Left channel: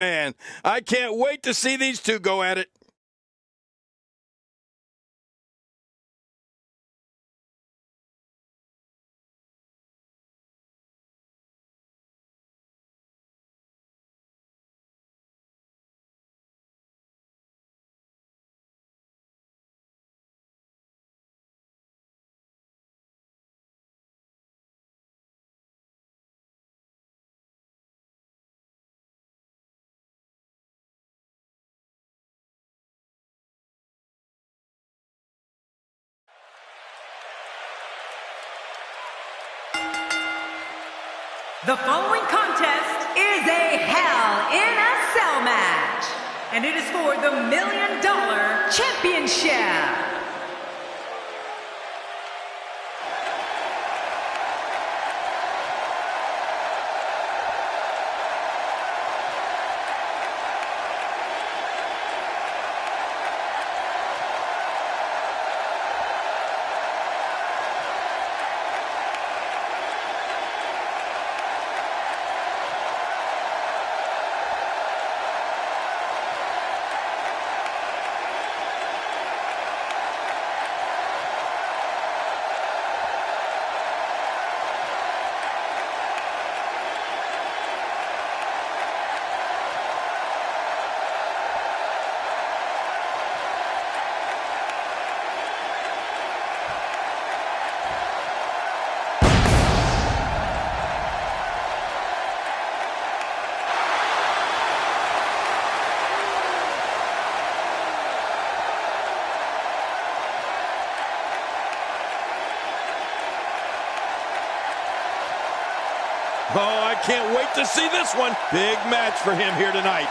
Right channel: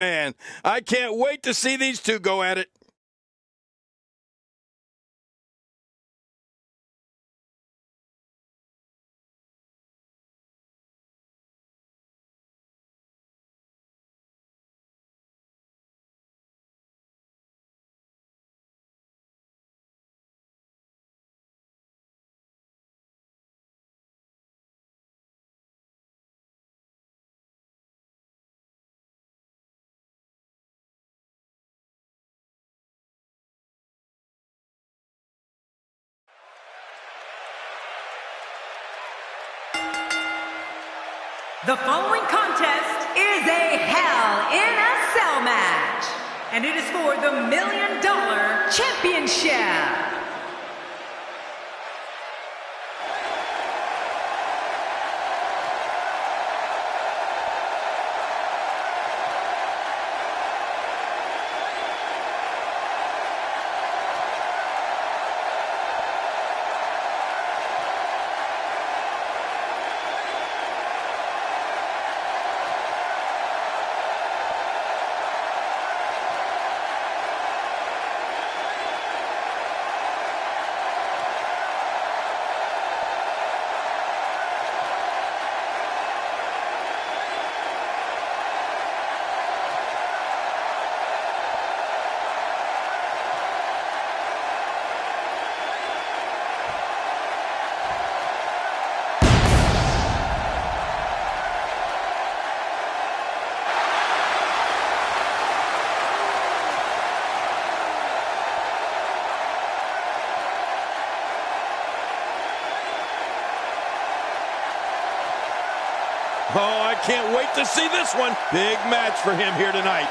Man, I can't wait to see these two go at it. The following contest is a Hell in a Cell match, and it is for the $1 Million Championship. Oh, I can't wait to see this one. Big match for him here tonight.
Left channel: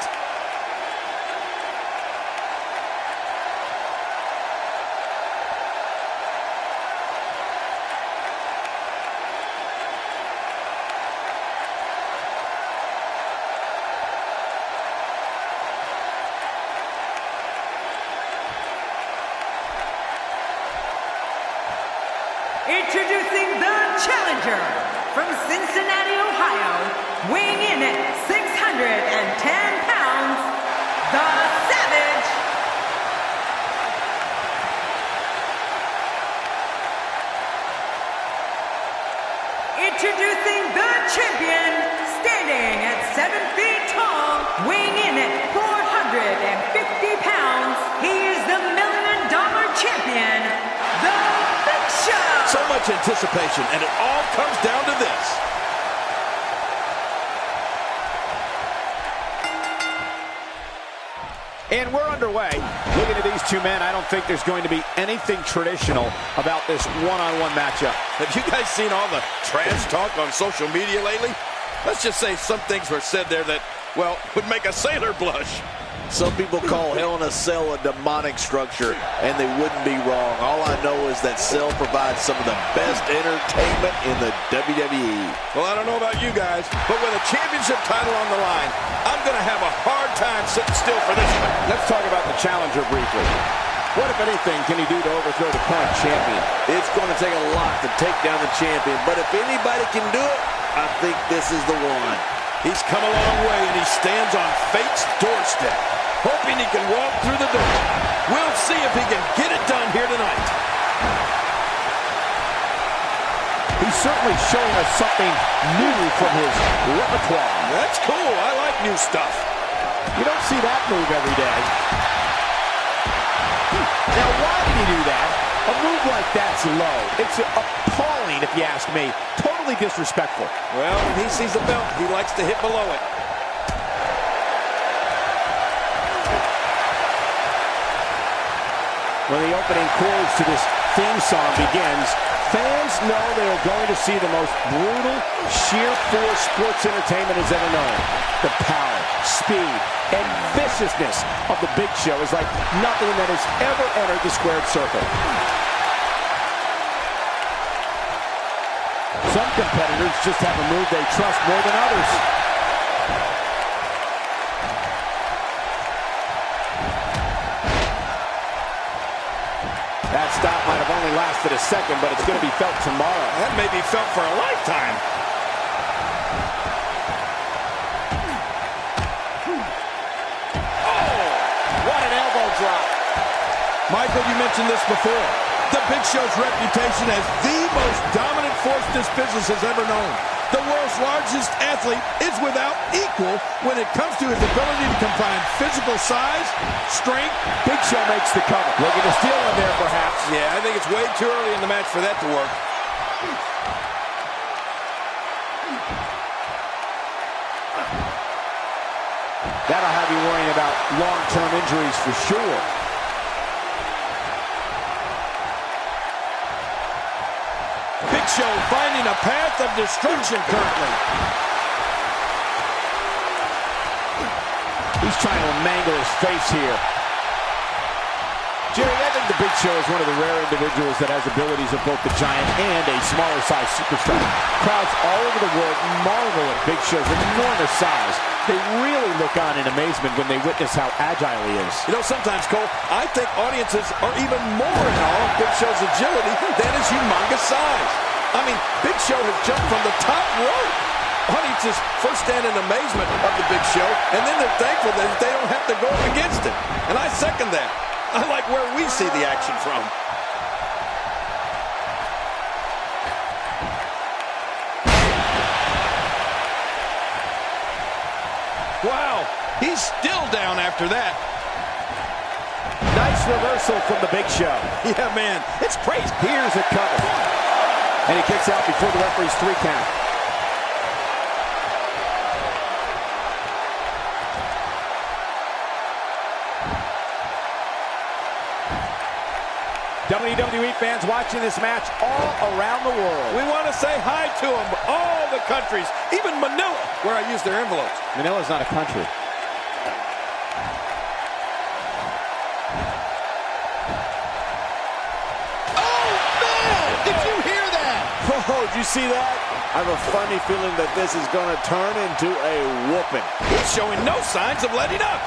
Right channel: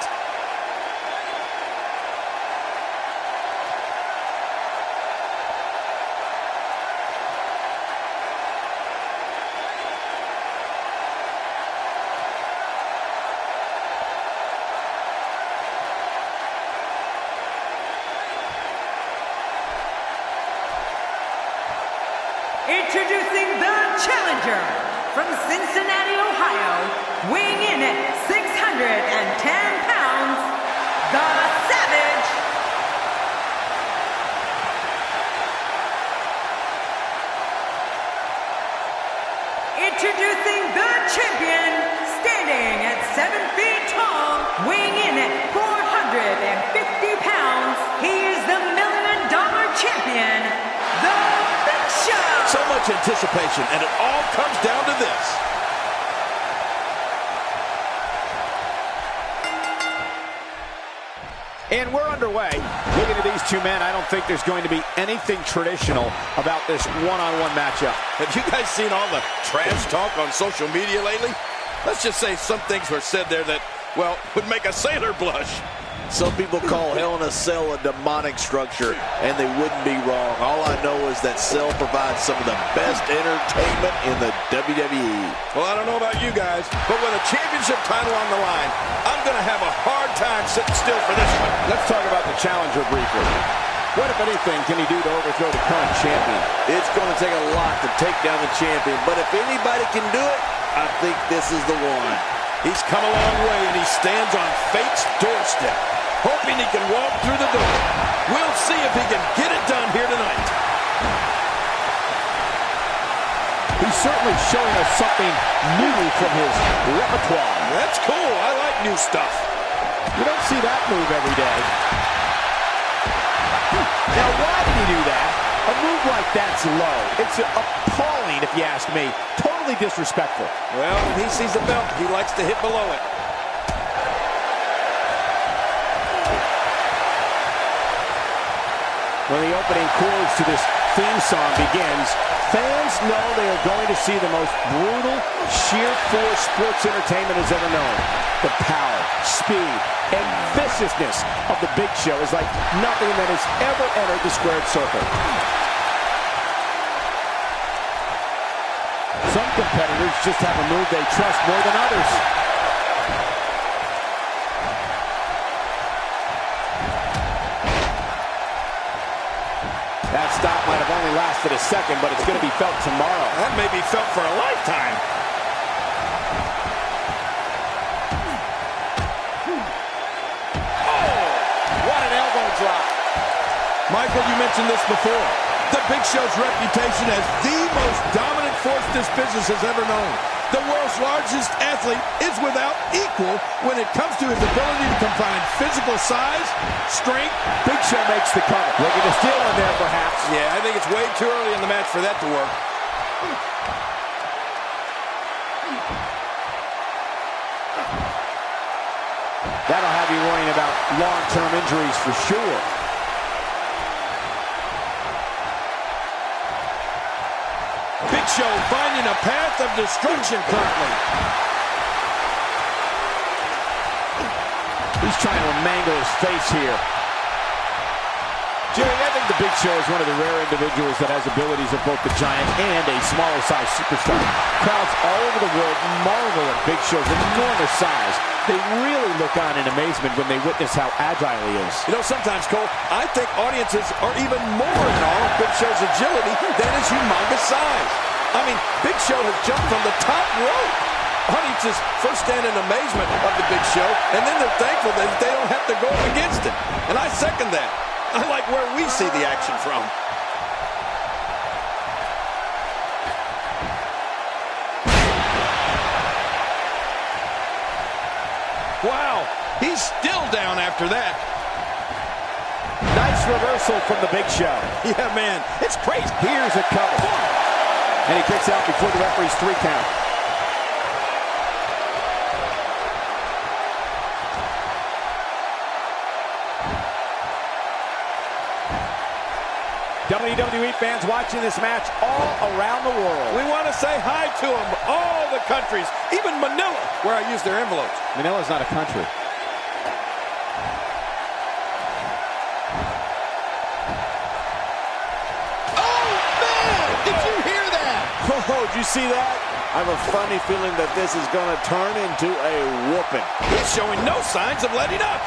Introducing the challenger from Cincinnati, Ohio, weighing in at 610 pounds, the Savage. Introducing the champion, standing at 7 feet tall, weighing in at 450 pounds, he is the $1 Million Champion, the Big Show. So much anticipation, and it all comes down to this. And we're underway. Looking at these two men, I don't think there's going to be anything traditional about this one-on-one matchup. Have you guys seen all the trash talk on social media lately? Let's just say some things were said there that, well, would make a sailor blush. Some people call Hell in a Cell a demonic structure, and they wouldn't be wrong. All I know is that Cell provides some of the best entertainment in the WWE. Well, I don't know about you guys, but with a championship title on the line, I'm going to have a hard time sitting still for this one. Let's talk about the challenger briefly. What, if anything, can he do to overthrow the current champion? It's going to take a lot to take down the champion, but if anybody can do it, I think this is the one. He's come a long way, and he stands on fate's doorstep, hoping he can walk through the door. We'll see if he can get it done here tonight. He's certainly showing us something new from his repertoire. That's cool. I like new stuff. You don't see that move every day. Now, why did he do that? A move like that's low. It's appalling, if you ask me. Totally disrespectful. Well, when he sees the belt, he likes to hit below it. When the opening chords to this theme song begins, fans know they are going to see the most brutal, sheer force sports entertainment has ever known. The power, speed, and viciousness of the Big Show is like nothing that has ever entered the squared circle. Some competitors just have a move they trust more than others. That stop might have only lasted a second, but it's going to be felt tomorrow. That may be felt for a lifetime. elbow drop. Michael, you mentioned this before. The Big Show's reputation as the most dominant force this business has ever known. The world's largest athlete is without equal when it comes to his ability to combine physical size, strength. Big Show makes the cover. Looking to steal one there, perhaps. Yeah, I think it's way too early in the match for that to work. That'll have you worrying about long-term injuries for sure. Big Show finding a path of destruction currently. He's trying to mangle his face here. Jerry, I think the Big Show is one of the rare individuals that has abilities of both the Giant and a smaller-sized superstar. Crowds all over the world marvel at Big Show's enormous size. They really look on in amazement when they witness how agile he is. You know, sometimes, Cole, I think audiences are even more in awe of Big Show's agility than his humongous size. I mean, Big Show has jumped from the top rope. Audiences first stand in amazement of the Big Show, and then they're thankful that they don't have to go up against him. And I second that. I like where we see the action from. Wow, he's still down after that. Nice reversal from the Big Show. Yeah, man, it's crazy. Here's a cover. And he kicks out before the referee's 3 count. WWE fans watching this match all around the world. We want to say hi to them, all the countries, even Manila, where I use their envelopes. Manila's not a country. Oh, man! Did you hear that? Oh, did you see that? I have a funny feeling that this is going to turn into a whooping. He's showing no signs of letting up.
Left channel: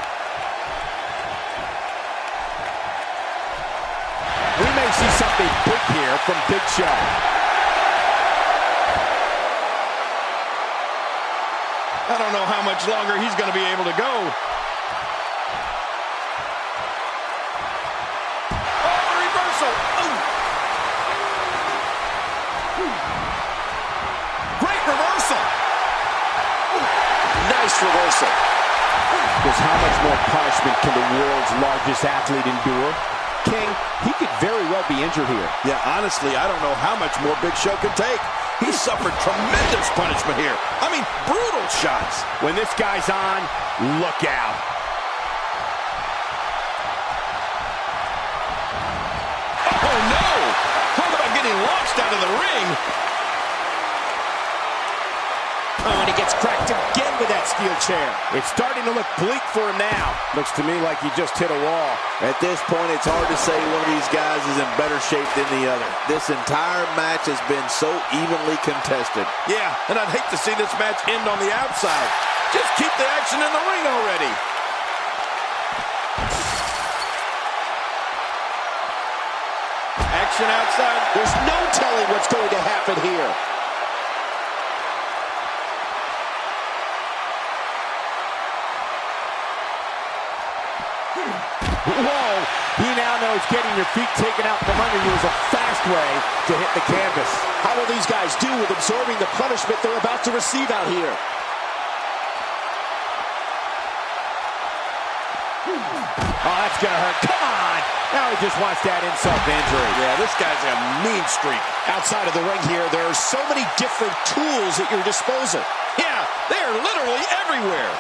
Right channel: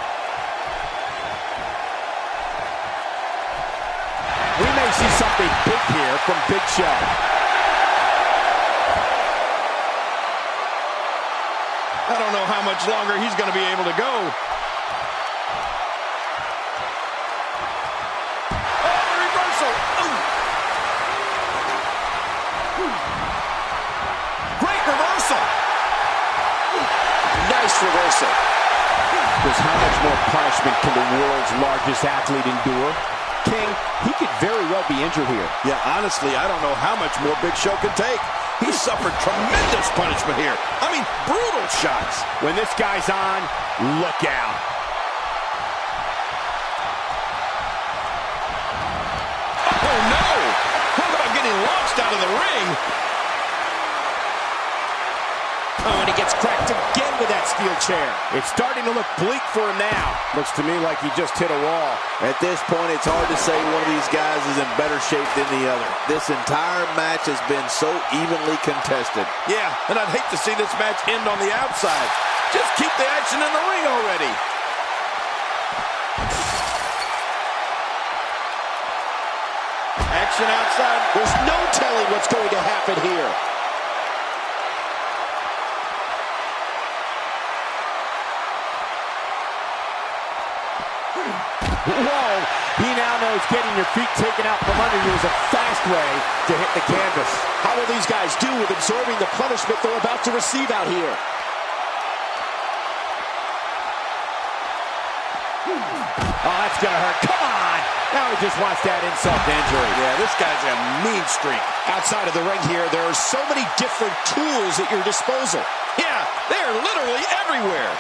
We may see something big here from Big Show. I don't know how much longer he's going to be able to go. Oh, the reversal. Oh. Great reversal. Nice reversal. Because how much more punishment can the world's largest athlete endure? King, he could very well be injured here. Yeah, honestly, I don't know how much more Big Show can take. He suffered tremendous punishment here. I mean, brutal shots. When this guy's on, look out. Oh, no! Talk about getting launched out of the ring. Oh, and he gets cracked again with that steel chair. It's starting to look bleak for him now. Looks to me like he just hit a wall. At this point, it's hard to say one of these guys is in better shape than the other. This entire match has been so evenly contested. Yeah, and I'd hate to see this match end on the outside. Just keep the action in the ring already. Action outside. There's no telling what's going to happen here. Whoa, he now knows getting your feet taken out from under you is a fast way to hit the canvas. How will these guys do with absorbing the punishment they're about to receive out here? Oh, that's going to hurt. Come on. Now he just wants that insult to injury. Yeah, this guy's a mean streak. Outside of the ring here, there are so many different tools at your disposal. Yeah, they're literally everywhere.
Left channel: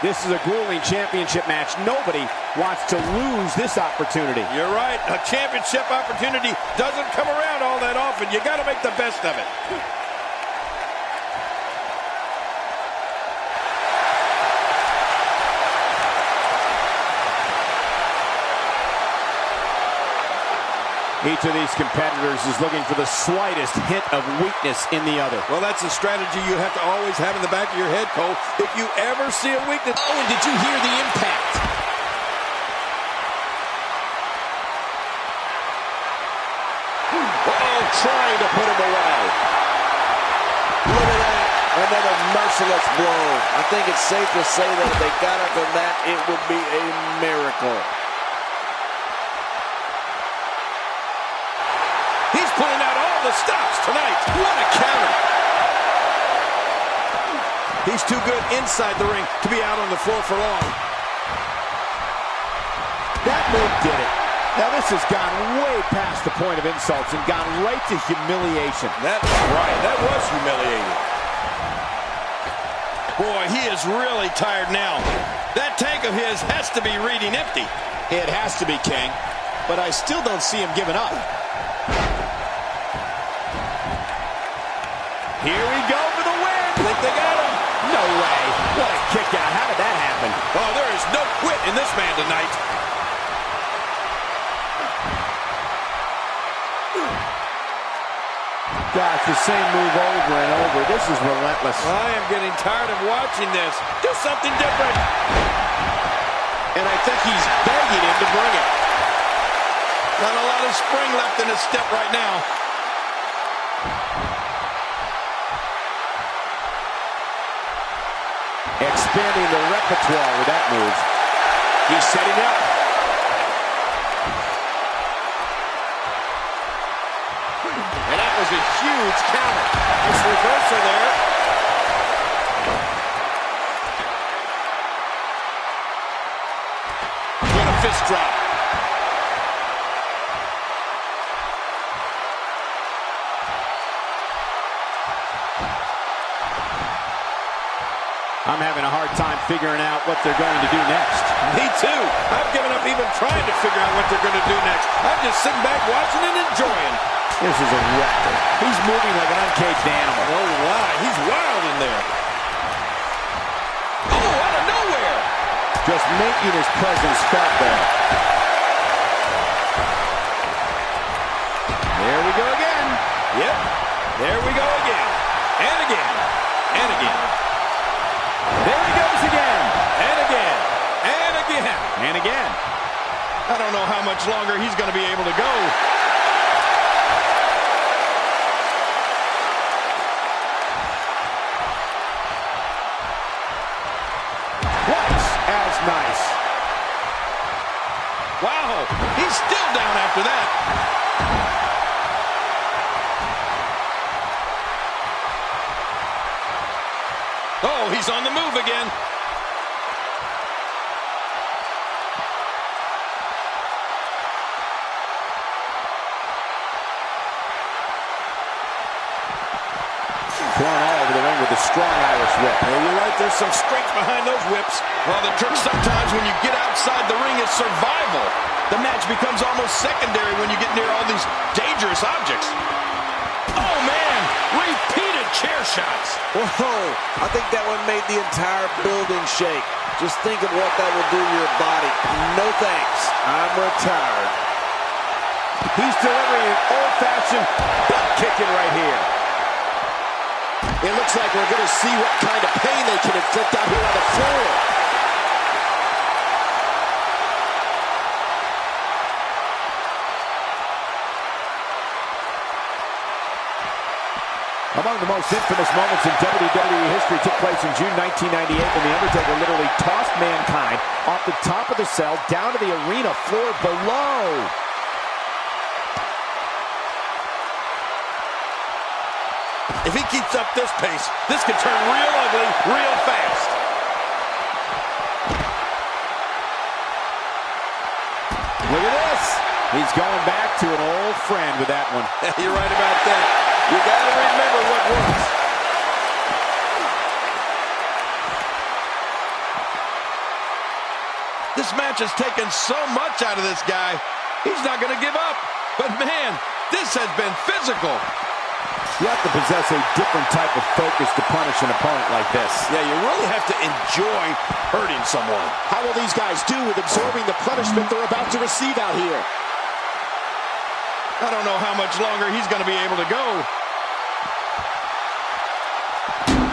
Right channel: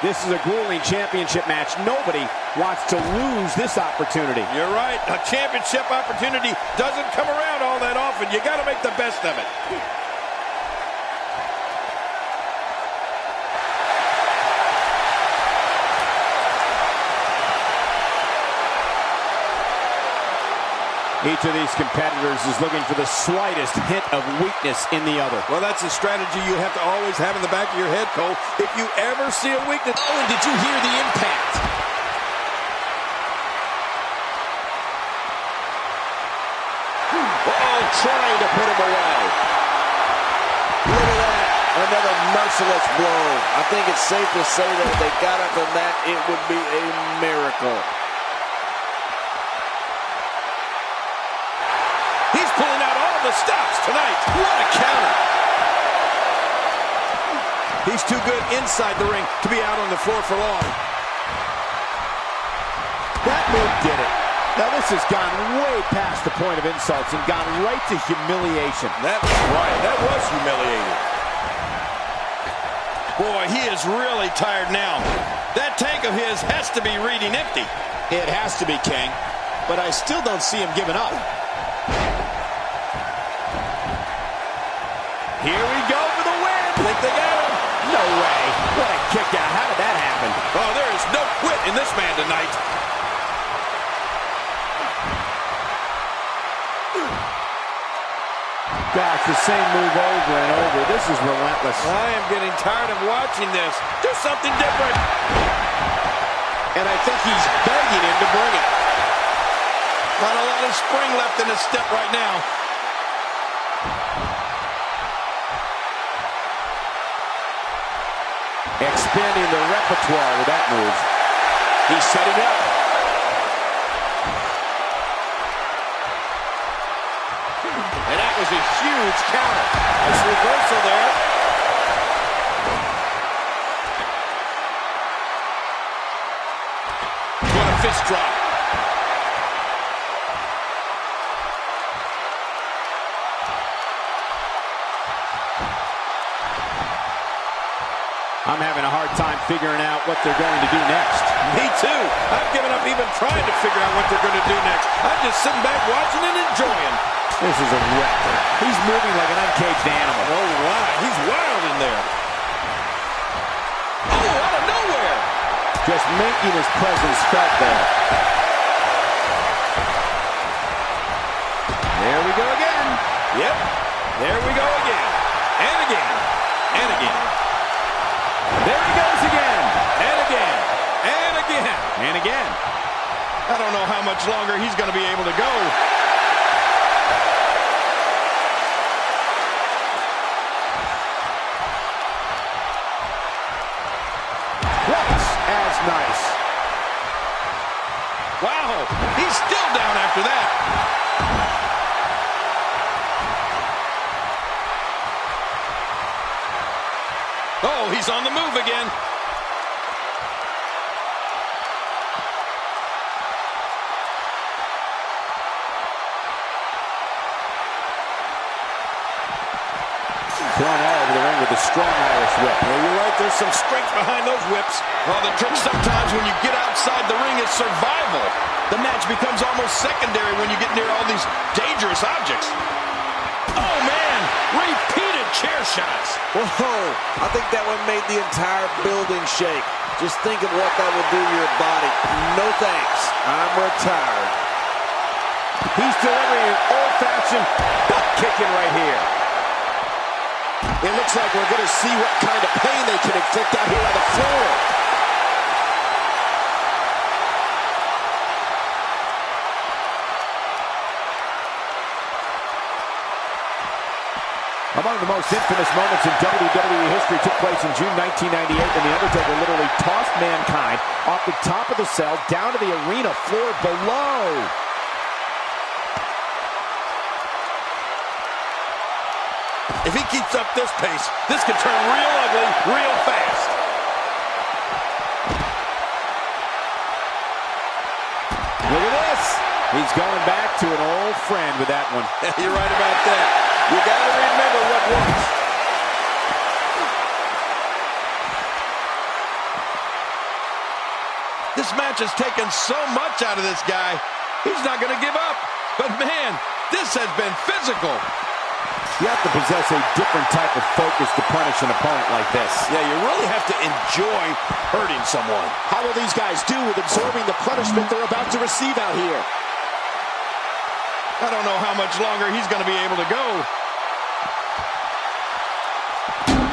This is a grueling championship match. Nobody wants to lose this opportunity. You're right. A championship opportunity doesn't come around all that often. You got to make the best of it. Each of these competitors is looking for the slightest hint of weakness in the other. Well, that's a strategy you have to always have in the back of your head, Cole. If you ever see a weakness... Oh, and did you hear the impact? Uh-oh, trying to put him away. Look at that. Another merciless blow. I think it's safe to say that if they got up from that, it would be a miracle. He's pulling out all the stops tonight. What a counter. He's too good inside the ring to be out on the floor for long. That move did it. Now this has gone way past the point of insults and gone right to humiliation. That's right. That was humiliating. Boy, he is really tired now. That tank of his has to be reading empty. It has to be, King. But I still don't see him giving up. Here we go for the win. Think they got him? No way. What a kick out. How did that happen? Oh, there is no quit in this man tonight. Gosh, the same move over and over. This is relentless. I am getting tired of watching this. Do something different. And I think he's begging him to bring it. Not a lot of spring left in his step right now. Expanding the repertoire with that move. He's setting up. And that was a huge counter. Nice reversal there. What a fist drop. I'm having a hard time figuring out what they're going to do next. Me too. I've given up even trying to figure out what they're going to do next. I'm just sitting back watching and enjoying. This is a wreck. He's moving like an uncaged animal. Oh, my. He's wild in there. Oh, out of nowhere. Just making his presence felt there. There we go again. Yep. There we go again. And again. And again. There he goes again. And again. And again. And again. I don't know how much longer he's going to be able to go. Twice as nice. Wow. He's still down after that. Oh, he's on the move again. Thrown all over the ring with a strong Irish whip. Yeah, you're right. There's some strength behind those whips. Well, the trick sometimes when you get outside the ring is survival. The match becomes almost secondary when you get near all these dangerous objects. Oh, man. Repeated chair shots. Whoa, I think that one made the entire building shake. Just think of what that will do to your body. No thanks. I'm retired. He's delivering an old-fashioned butt kicking right here. It looks like we're going to see what kind of pain they can inflict out here on the floor. Among the most infamous moments in WWE history took place in June 1998 when The Undertaker literally tossed Mankind off the top of the cell down to the arena floor below. If he keeps up this pace, this could turn real ugly real fast. Look at this. He's going back to an old friend with that one. You're right about that. You got to remember what works. This match has taken so much out of this guy. He's not going to give up. But, man, this has been physical. You have to possess a different type of focus to punish an opponent like this. Yeah, you really have to enjoy hurting someone. How will these guys do with absorbing the punishment they're about to receive out here? I don't know how much longer he's going to be able to go.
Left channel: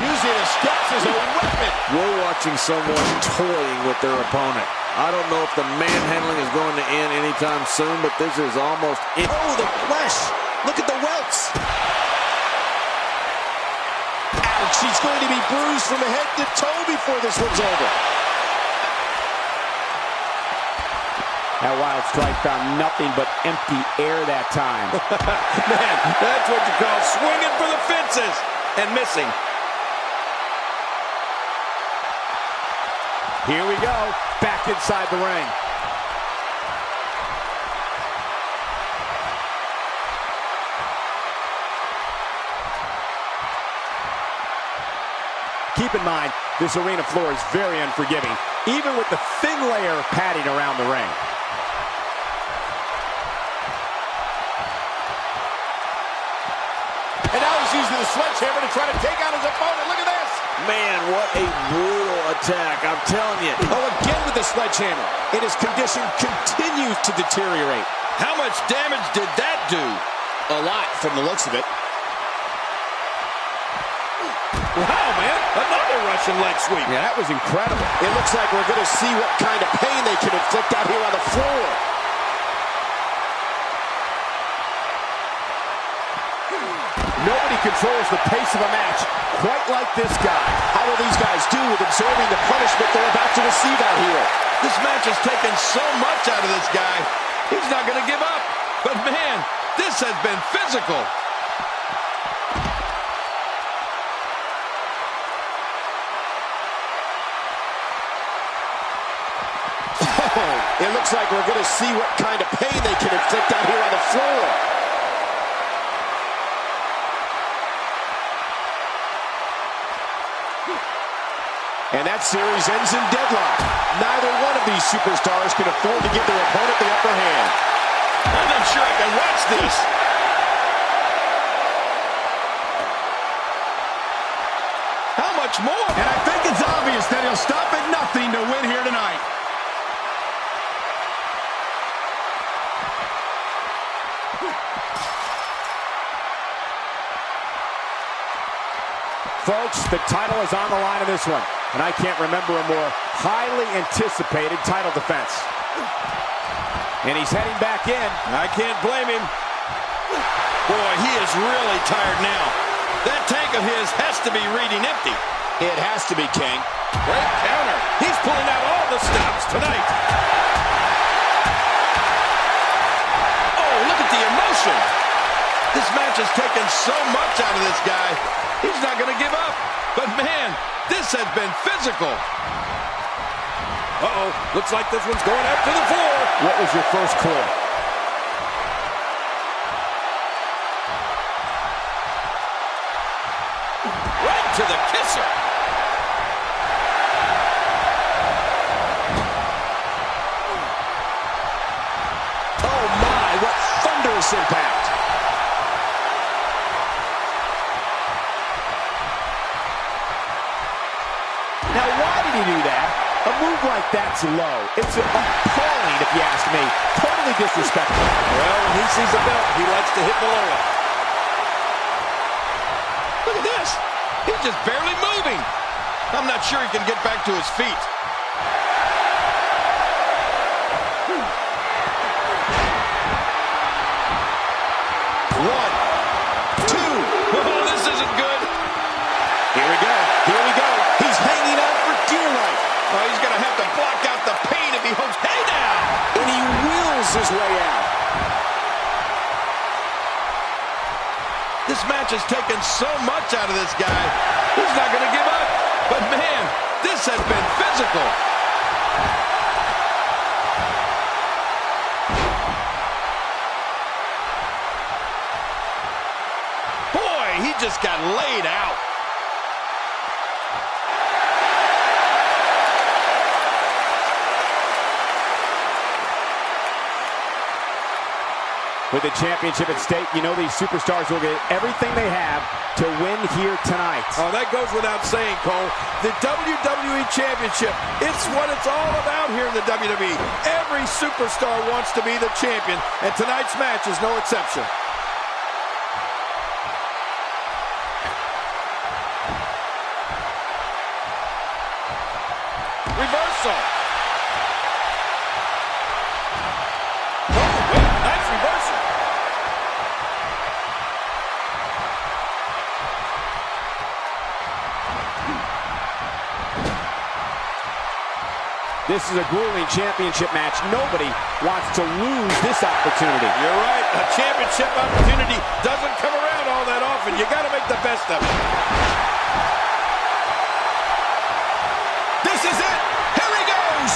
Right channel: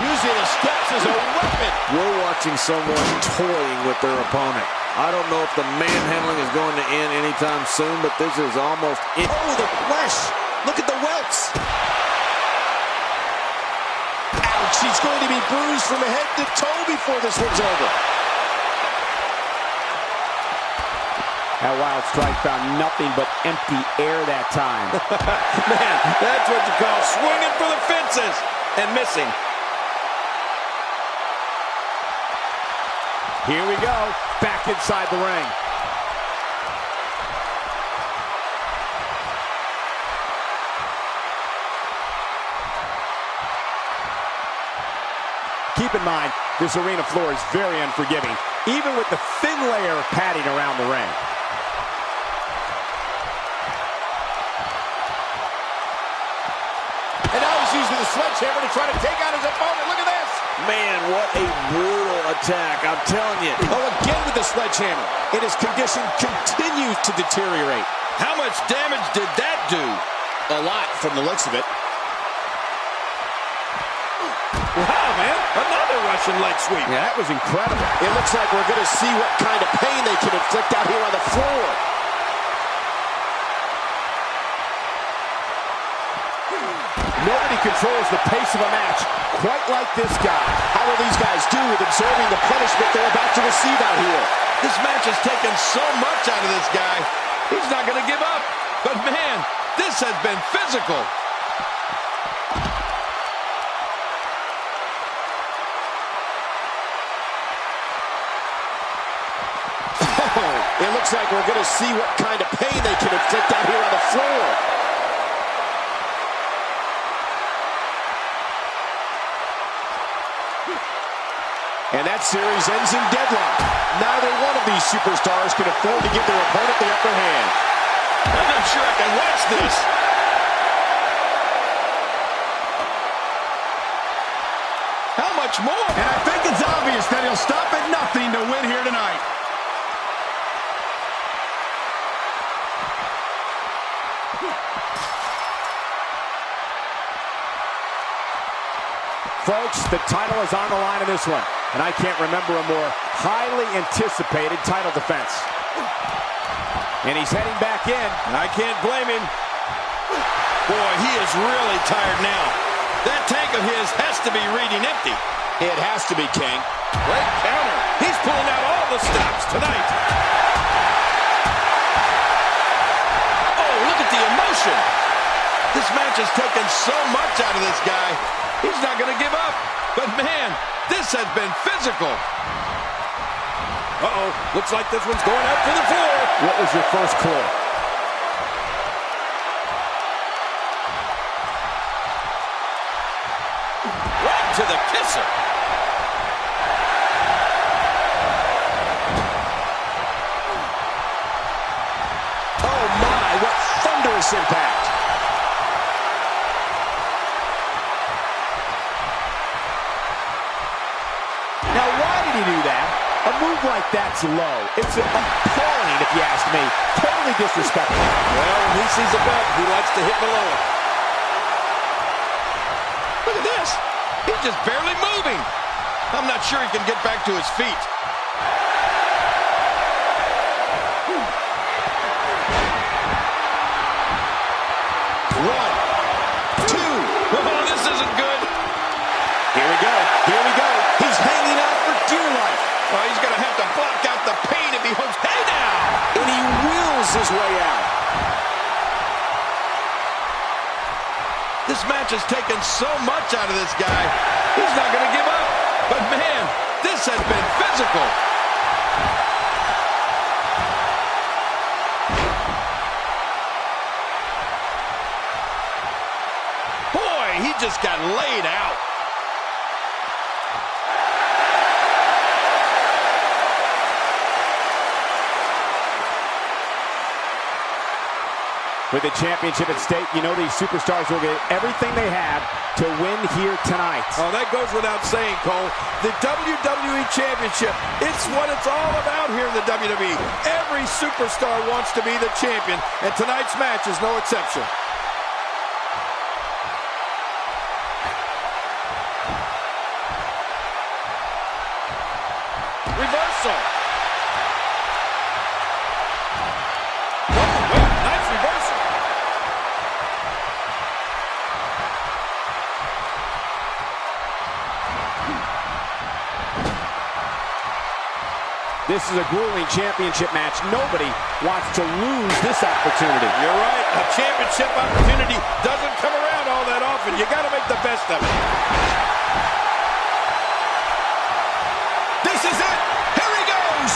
Using the steps as a weapon. We're watching someone toying with their opponent. I don't know if the manhandling is going to end anytime soon, but this is almost it. Oh, the flesh. Look at the welts. Ouch, he's going to be bruised from head to toe before this one's over. That wild strike found nothing but empty air that time. Man, that's what you call swinging for the fences and missing. Here we go, back inside the ring. Keep in mind, this arena floor is very unforgiving, even with the thin layer of padding around the ring. And now he's using the sledgehammer to try to take out his opponent. Look at this. Man, what a brutal attack. I'm telling you. Oh, again with the sledgehammer. And his condition continues to deteriorate. How much damage did that do? A lot from the looks of it. Wow, man. Another Russian leg sweep. Yeah, that was incredible. It looks like we're going to see what kind of pain they can inflict out here on the floor. Nobody controls the pace of a match quite like this guy. How will these guys do with absorbing the punishment they're about to receive out here? This match has taken so much out of this guy. He's not going to give up. But, man, this has been physical. Oh, it looks like we're going to see what kind of pain they can inflict out here on the floor. And that series ends in deadlock. Neither one of these superstars can afford to give their opponent the upper hand. I'm not sure I can watch this. How much more? And I think it's obvious that he'll stop at nothing to win here tonight. Folks, the title is on the line in this one, and I can't remember a more highly anticipated title defense. And he's heading back in. I can't blame him. Boy, he is really tired now. That tank of his has to be reading empty. It has to be, King. Great counter. He's pulling out all the stops tonight. Oh, look at the emotion. This match has taken so much out of this guy. He's not going to give up. But, man, this has been physical. Uh-oh. Looks like this one's going up to the floor. What was your first clue? Right to the kisser. Oh, my, what thunderous impact. Now, why did he do that? A move like that's low. It's appalling, if you ask me. Totally disrespectful. Well, when he sees a belt, he likes to hit below it. Look at this. He's just barely moving. I'm not sure he can get back to his feet. One, two. Oh, this isn't good. Here we go. Here we go. He's hanging on for dear life. Oh, he's going to have to block out the pain if he hopes. Hey, now! And he wills his way out. This match has taken so much out of this guy. He's not going to give up. But, man, this has been physical. Boy, he just got laid out. With the championship at stake, you know these superstars will get everything they have to win here tonight. Oh, that goes without saying, Cole. The WWE Championship, it's what it's all about here in the WWE. Every superstar wants to be the champion, and tonight's match is no exception. Reversal. Oh, wait, nice reversal. This is a grueling championship match. Nobody wants to lose this opportunity. You're right. A championship opportunity doesn't come around all that often. You got to make the best of it. This is it. Here he goes.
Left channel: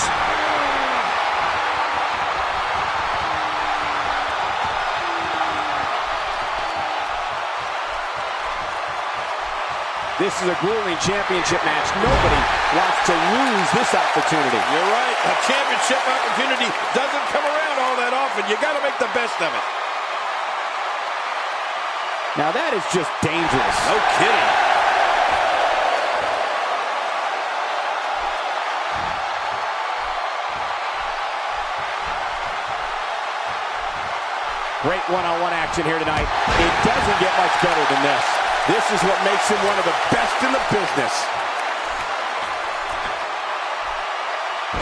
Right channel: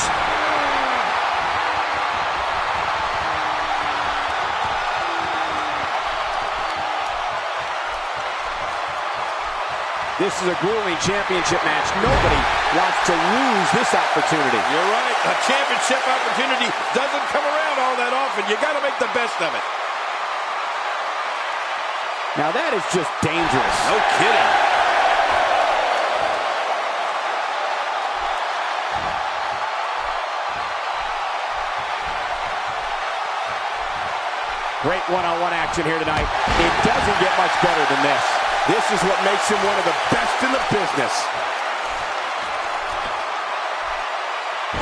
This is a grueling championship match. Nobody wants to lose this opportunity. You're right. A championship opportunity doesn't come around all that often. You got to make the best of it. Now that is just dangerous. No kidding. Great one-on-one action here tonight. It doesn't get much better than this. This is what makes him one of the best in the business.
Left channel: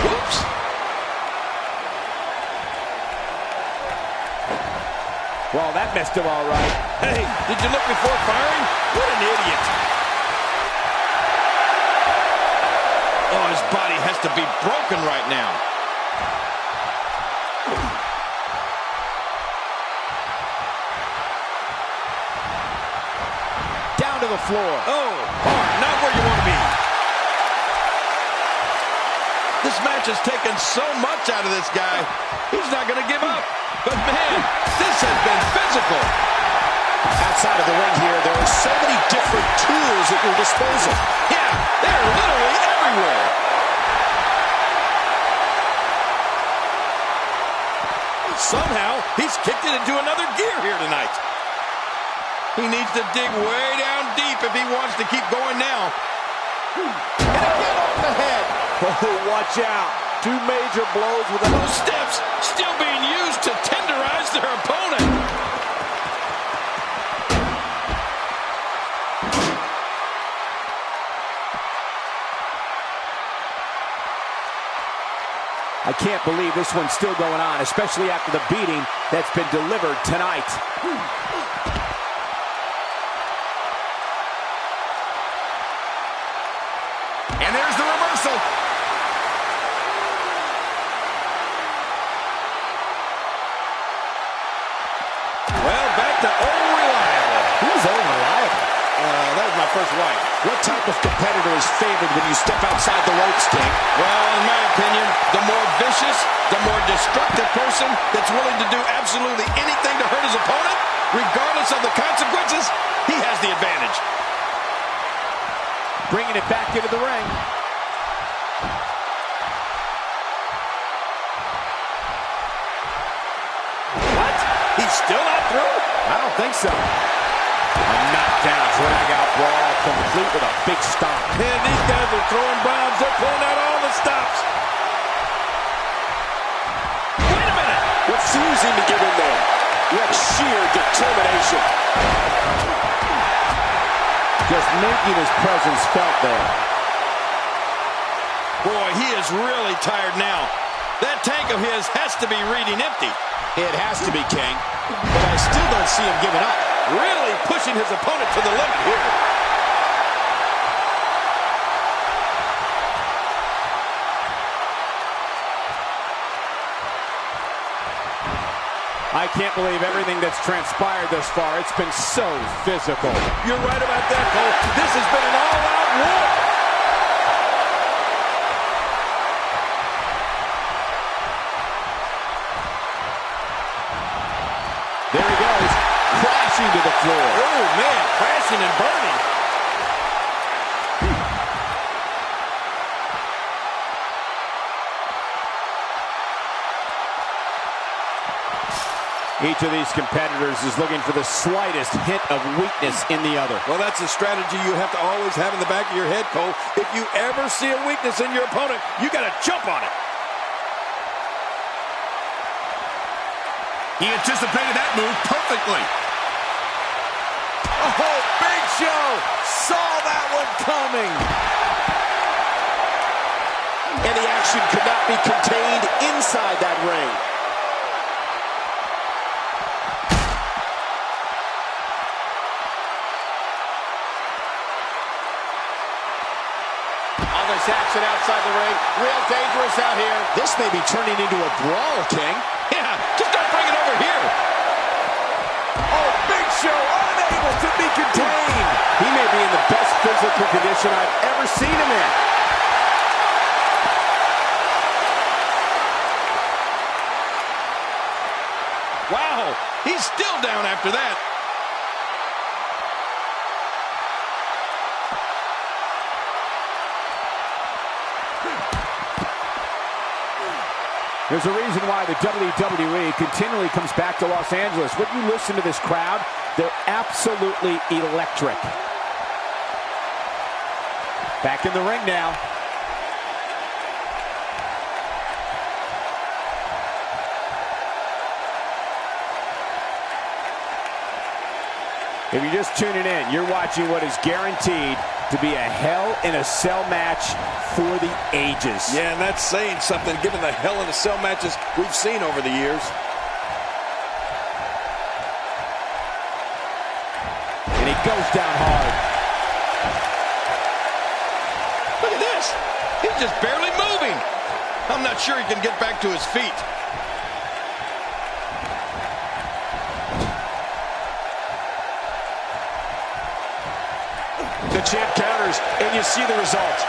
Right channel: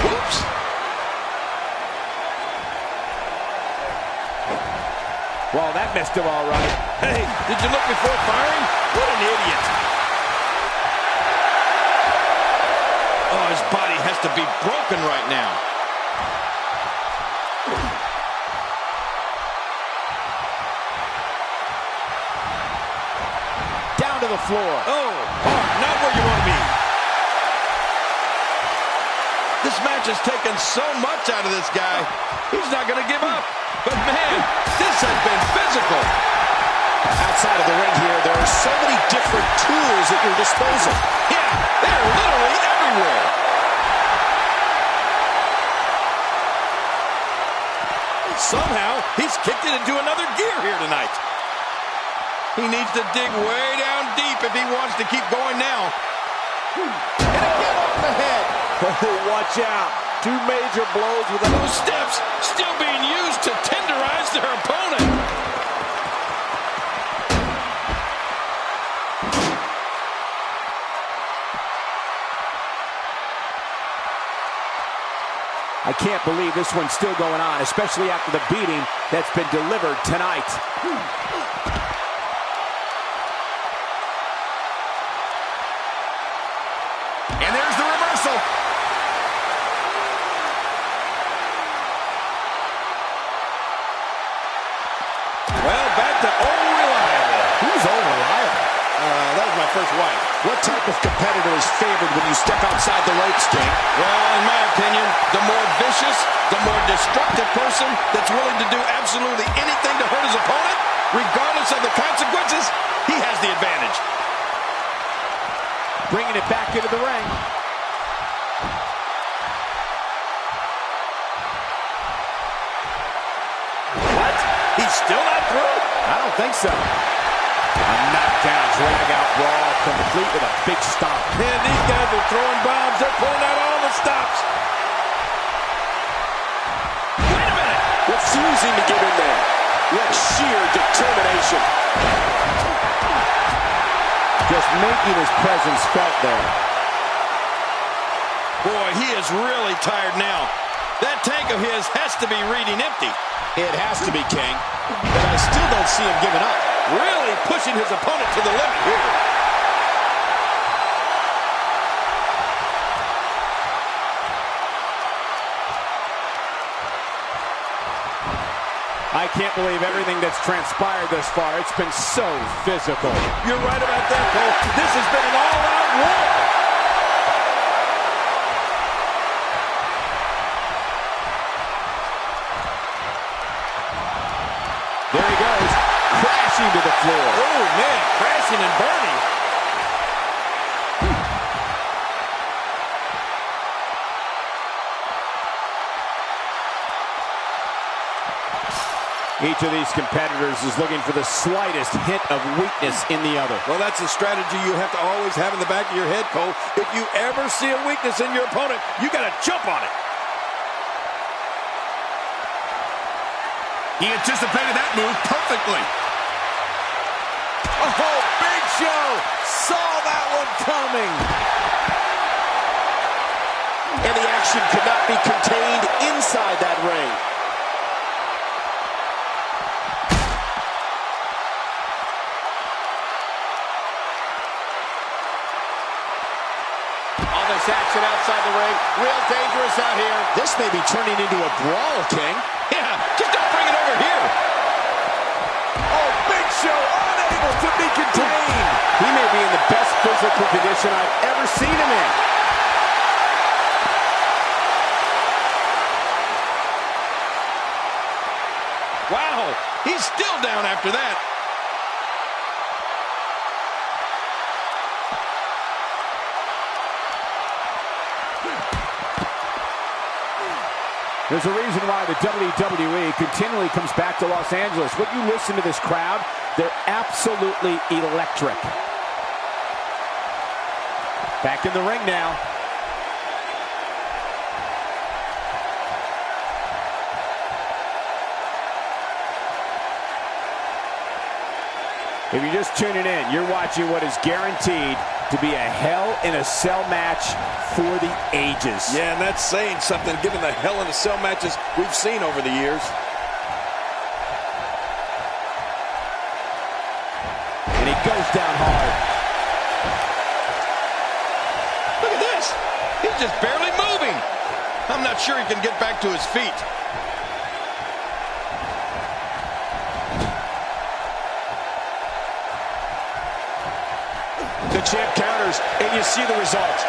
Whoops. Well, that messed him all right. Hey, did you look before firing? What an idiot. Oh, his body has to be broken right now. Down to the floor. Oh, hard. Not where you want to be. This match has taken so much out of this guy. He's not going to give up. But, man, this has been physical. Outside of the ring here, there are so many different tools at your disposal. Yeah, they're literally everywhere. Somehow, he's kicked it into another gear here tonight. He needs to dig way down deep if he wants to keep going now. And again off the head. Oh, watch out. Two major blows with Those steps still being used to tenderize their opponent. I can't believe this one's still going on, especially after the beating that's been delivered tonight. And there's the reversal. Well, back to old reliable. Who's old reliable? That was my first wife. What type of competitor is favored when you step outside the ropes, King? Well, in my opinion, the more vicious, the more destructive person that's willing to do absolutely anything to hurt his opponent, regardless of the consequences, he has the advantage. Bringing it back into the ring. What? He's still not through? I don't think so. A knockdown, drag-out brawl, complete with a big stomp. Man, these guys are throwing bombs. They're pulling out all the stops. Wait a minute. refusing to give in there. What sheer determination. Just making his presence felt there. Boy, he is really tired now. That tank of his has to be reading empty. It has to be, King. But I still don't see him giving up. Really pushing his opponent to the limit here. I can't believe everything that's transpired thus far. It's been so physical. You're right about that, Cole. This has been an all-out war. There he goes, crashing to the floor. Oh, man, crashing and burning. Each of these competitors is looking for the slightest hint of weakness in the other. Well, that's a strategy you have to always have in the back of your head, Cole. If you ever see a weakness in your opponent, you got to jump on it. He anticipated that move perfectly. Oh, Big Show saw that one coming. And the action could not be contained inside that ring. this action outside the ring. Real dangerous out here. This may be turning into a brawl, King. Yeah, just don't bring it over here. Oh, Big Show unable to be contained. He may be in the best physical condition I've ever seen him in. Wow, he's still down after that. There's a reason why the WWE continually comes back to Los Angeles. When you listen to this crowd, they're absolutely electric. Back in the ring now. If you're just tuning in, you're watching what is guaranteed to be a Hell in a Cell match for the ages. Yeah, and that's saying something given the Hell in a Cell matches we've seen over the years. And he goes down hard. Look at this. He's just barely moving. I'm not sure he can get back to his feet. The champ counters, and you see the result.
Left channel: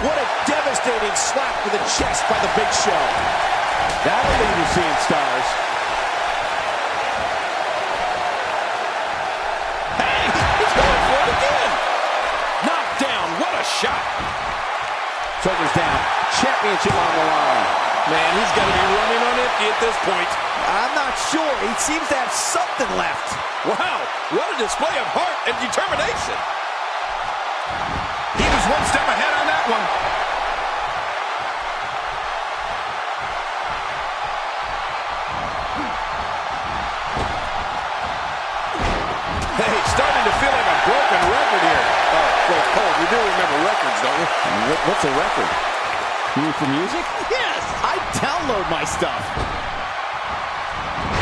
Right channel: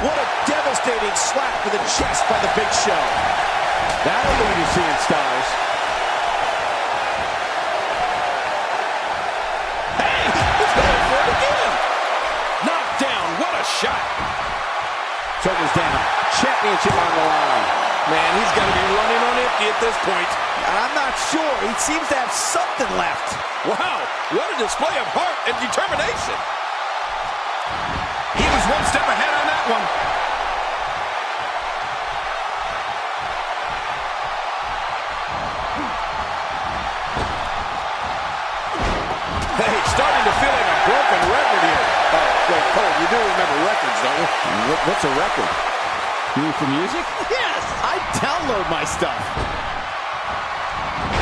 What a devastating slap to the chest by the Big Show. That'll leave you seeing stars. Hey, he's going for it again. Knocked down. What a shot. Shoulders down. Championship on the line. Man, he's got to be running on empty at this point. I'm not sure. He seems to have something left. Wow, what a display of heart and determination. He was one step ahead on that one. Hey, starting to feel like a broken record here. Oh, wait, Cole, you do remember records, don't you? What's a record? You mean for music? Yes, I download my stuff.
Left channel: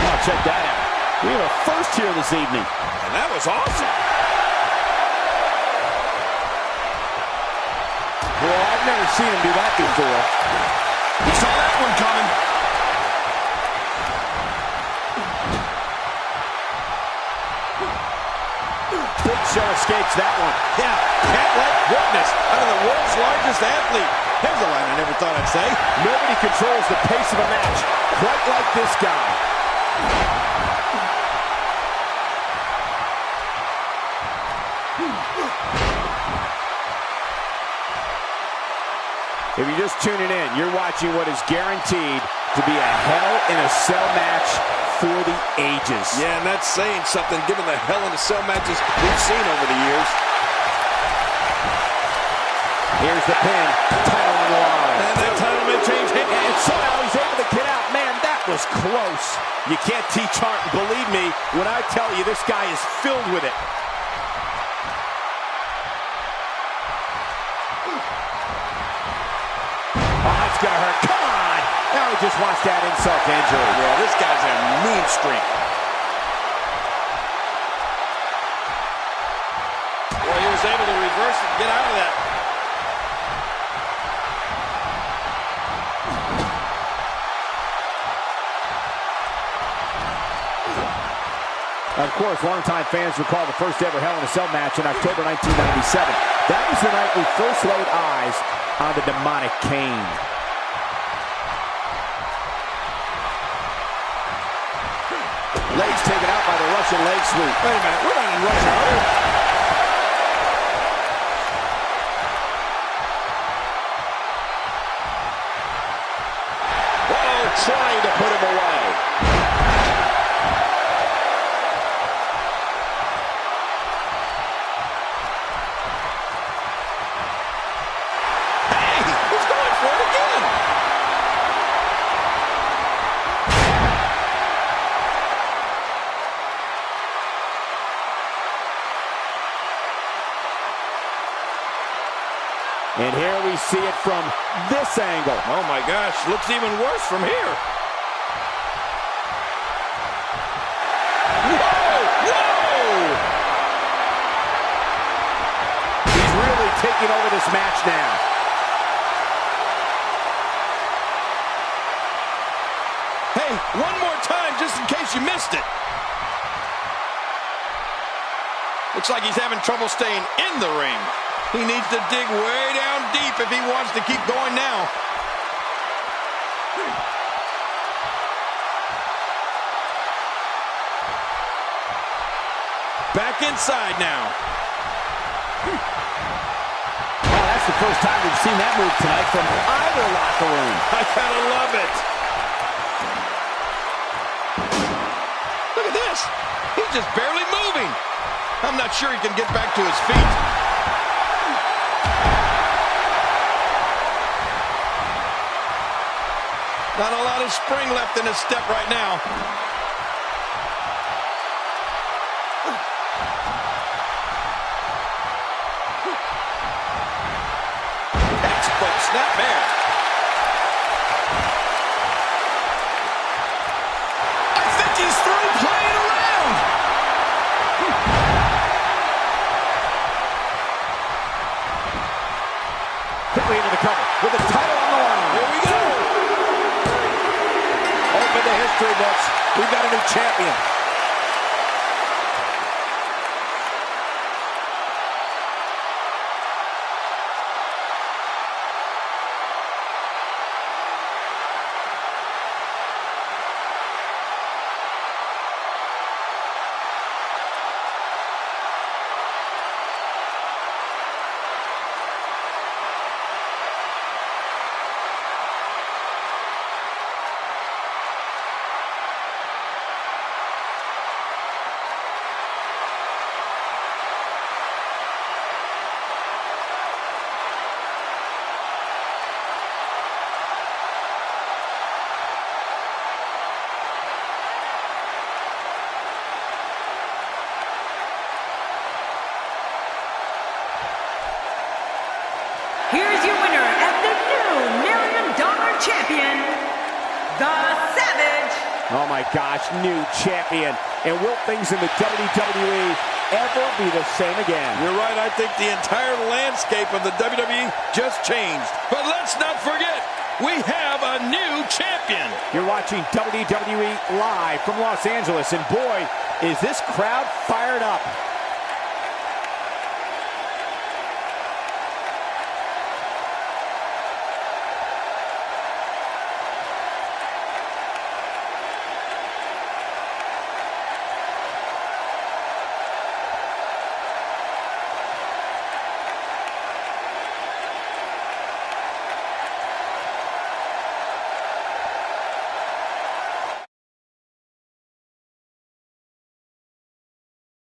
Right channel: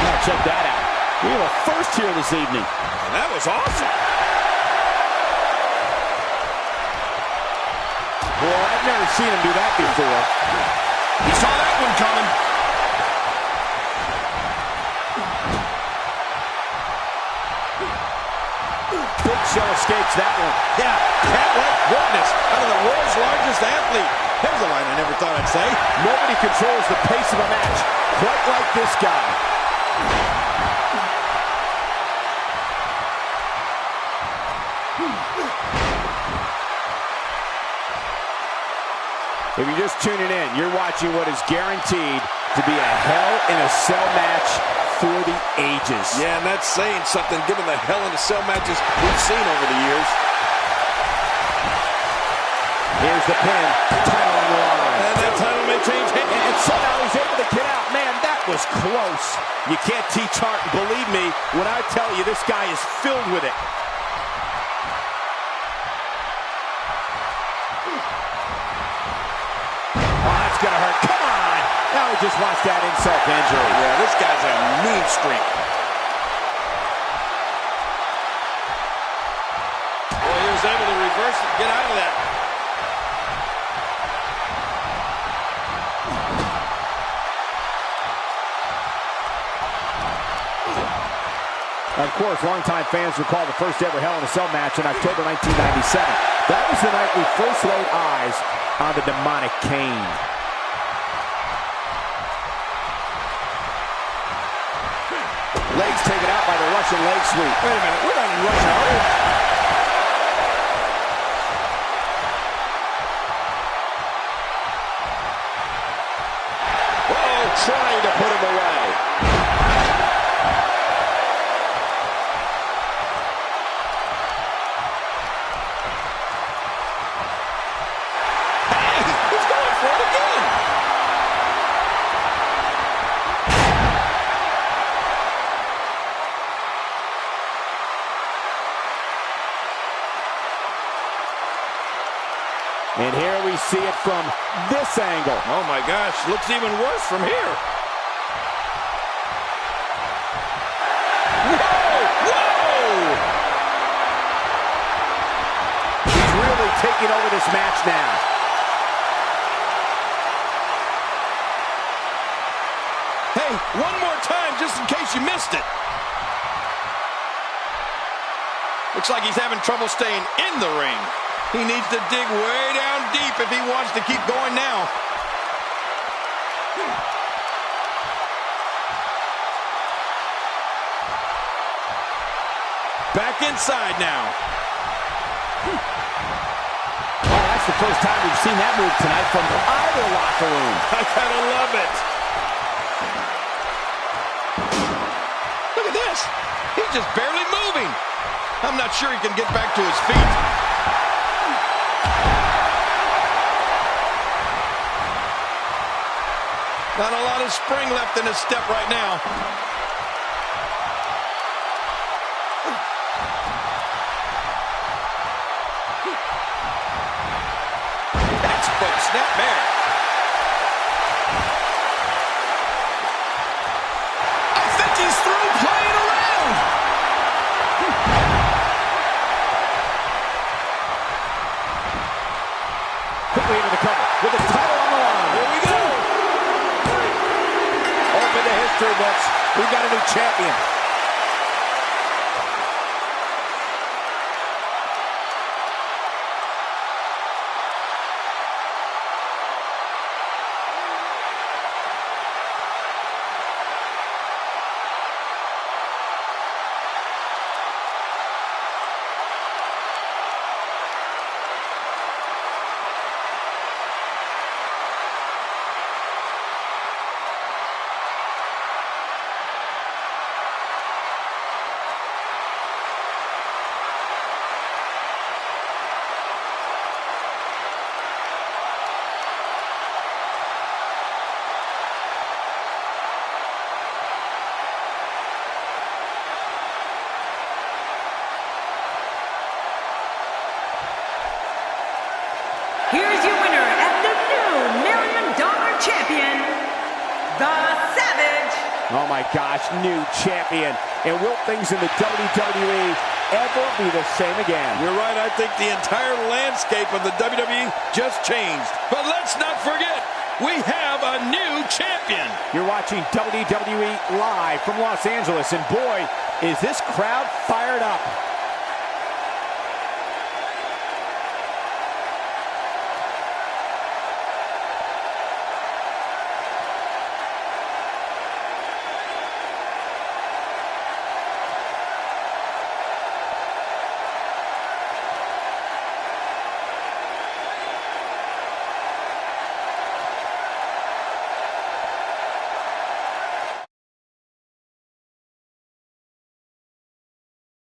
Oh, check that out. We have a first here this evening. And that was awesome. Well, I've never seen him do that before. He saw that one coming. Big Show escapes that one. Yeah, cat-like witness out of the world's largest athlete. There's a line I never thought I'd say. Nobody controls the pace of a match quite like this guy. If you're just tuning in, you're watching what is guaranteed to be a Hell in a Cell match for the ages. Yeah, and that's saying something given the Hell in a Cell matches we've seen over the years. Here's the pin. Title on the line. And that title may change hands. And somehow he's able to get out. Man, that was close. You can't teach art. Believe me when I tell you this guy is filled with it. Oh, that's going to hurt. Come on. Now he just wants that insult to injury. Yeah, this guy's a mean streak. Boy, he was able to reverse it and get out of that. Of course, longtime fans recall the first ever Hell in a Cell match in October 1997. That was the night we first laid eyes on the demonic Kane. Legs taken out by the Russian leg sweep. Wait a minute, we're not in Russia, are we? Whoa, trying to put him away. And here we see it from this angle. Oh my gosh, looks even worse from here. Whoa! Whoa! He's really taking over this match now. Hey, one more time just in case you missed it. Looks like he's having trouble staying in the ring. He needs to dig way down deep if he wants to keep going now. Back inside now. Oh, that's the first time we've seen that move tonight from either locker room. I gotta love it. Look at this. He's just barely moving. I'm not sure he can get back to his feet. Not a lot of spring left in his step right now. Textbook snapmare. I think he's through playing around. Quickly into the cover with the title on the line. Here we go. Open the history books. We've got a new champion. Here's your winner and the new $1 Million Champion, The Savage. Oh my gosh, new champion. And will things in the WWE ever be the same again? You're right. I think the entire landscape of the WWE just changed. But let's not forget, we have a new champion. You're watching WWE live from Los Angeles. And boy, is this crowd fired up.